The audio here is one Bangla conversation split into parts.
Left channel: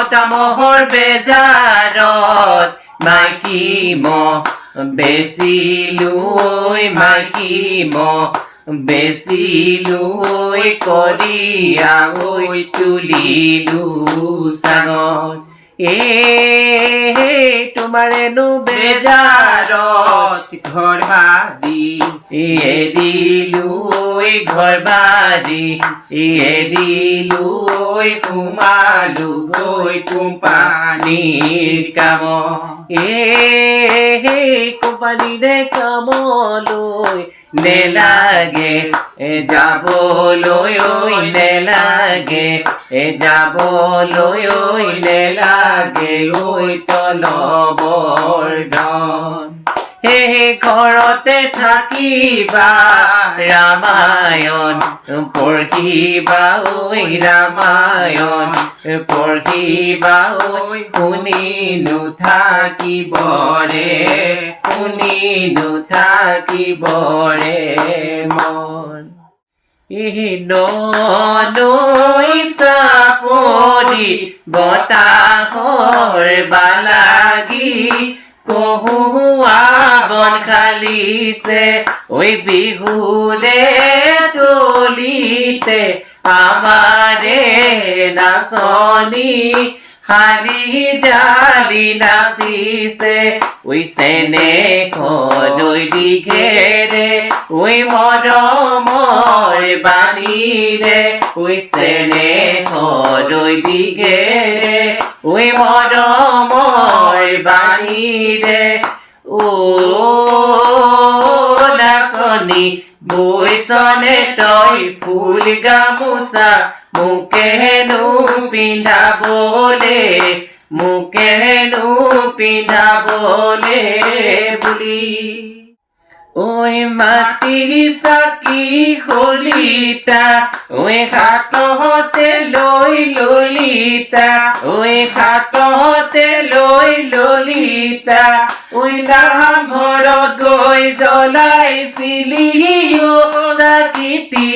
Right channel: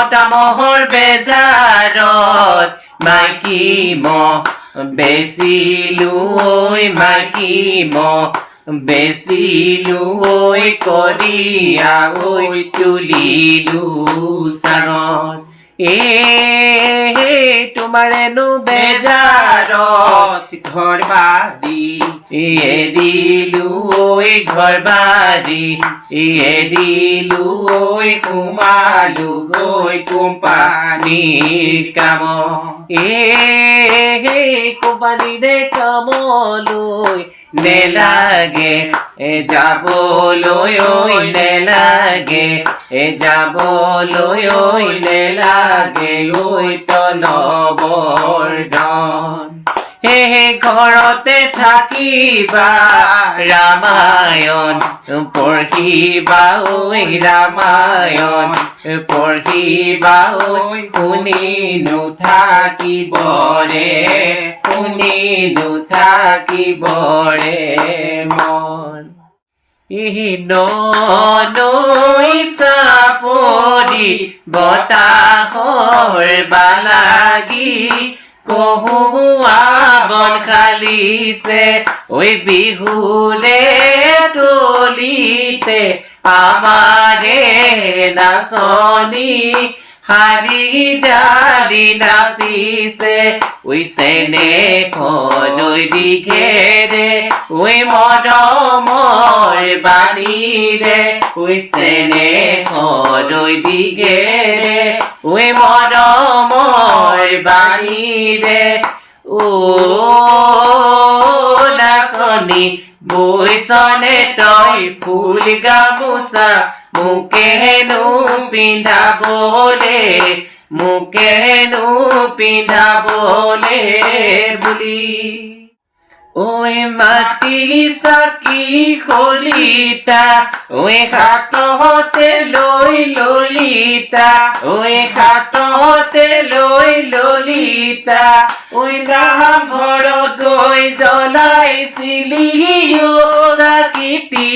মতা মহৰ বেজাৰত মাইকী মহ বেচিলো ঐ মাইকী মহ বেচিলো ঐ কৰিয়া ঐ তুলিলো চাঙত এ তোমাৰেনো বেজাৰত ঘৰ বাৰী এৰিলো ঐ ঘৰ বাৰী এৰিলো ঐ সোমালো গৈ কোম্পানীৰ কাম এ কোম্পানীৰে কামলৈ নেলাগে, এ যাবলৈ ঐ নেলাগে, এ যাবলৈ ঐ নেলাগে ঐ তলবৰ ধন হে ঘৰতে থাকিবা ৰামায়ণ পঢ়িবা ঐ ৰামায়ণ পঢ়িবা ঐ শুনি নুথাকিবৰে শুনি নুথাকিবৰে মন। নৈ চাপৰি বতাহৰ বালাগি কহুৱা বন খালিছে ঐ বিহুৰে তলিতে আমাৰে নাচনী হাৰি জালি নাচিছে ঐ চেনে খনৈ দিঘেৰে ঐ মৰমৰ বাণীৰে ঐ চেনে খনৈ দিঘেৰে মৰমৰ বাণীৰে ও নাচনী বৈচনে তই ফুল গামোচা মোকেনো পিন্ধাবলে মোকেনো পিন্ধাবলে বুলি। ঐ মাটি চাকি খলিতা ঐ হাততে লৈ ললিতা ঐ হাততে লৈ ললিতা ঐ ঘর গৈ জ্বলাইছিলি চাকিতি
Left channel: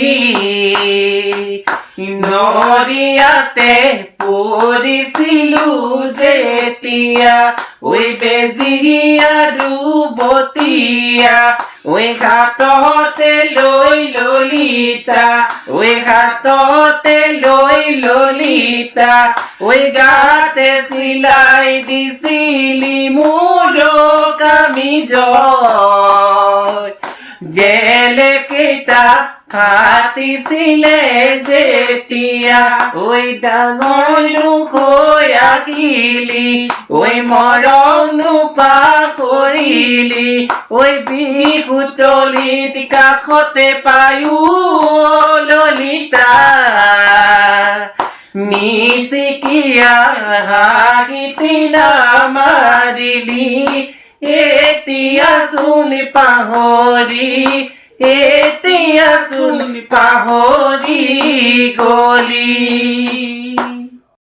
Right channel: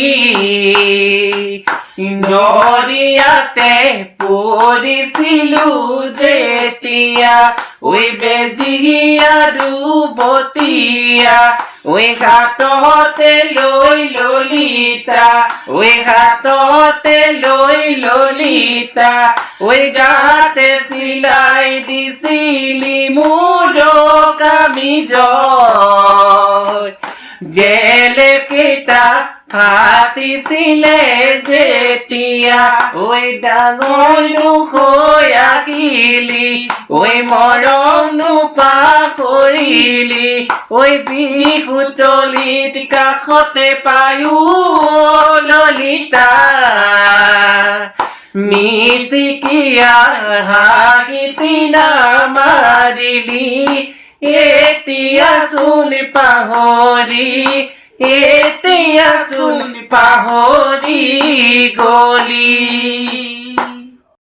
নৰিয়াতে পৰিছিলো যেতিয়া ঐ বেজিয়া আৰু বতিয়া ঐ হাততে লৈ ললিতা ঐ হাততে লৈ ললিতা ঐ গাতে চিলাই দিছিলি মোৰ কামিজ। জেলে কেইটা ফাটিছিলে যেতিয়া ঐ ডাঙৰ হৈ আহিলি ঐ মৰম নোপাহৰিলি ঐ বিহুতলিত কাষতে পায়ো ললিতা। মিচিকিয়া হাঁহিতি নামাৰিলি এতিয়া চোন পাহৰি এতিয়া চোন পাহৰি গলি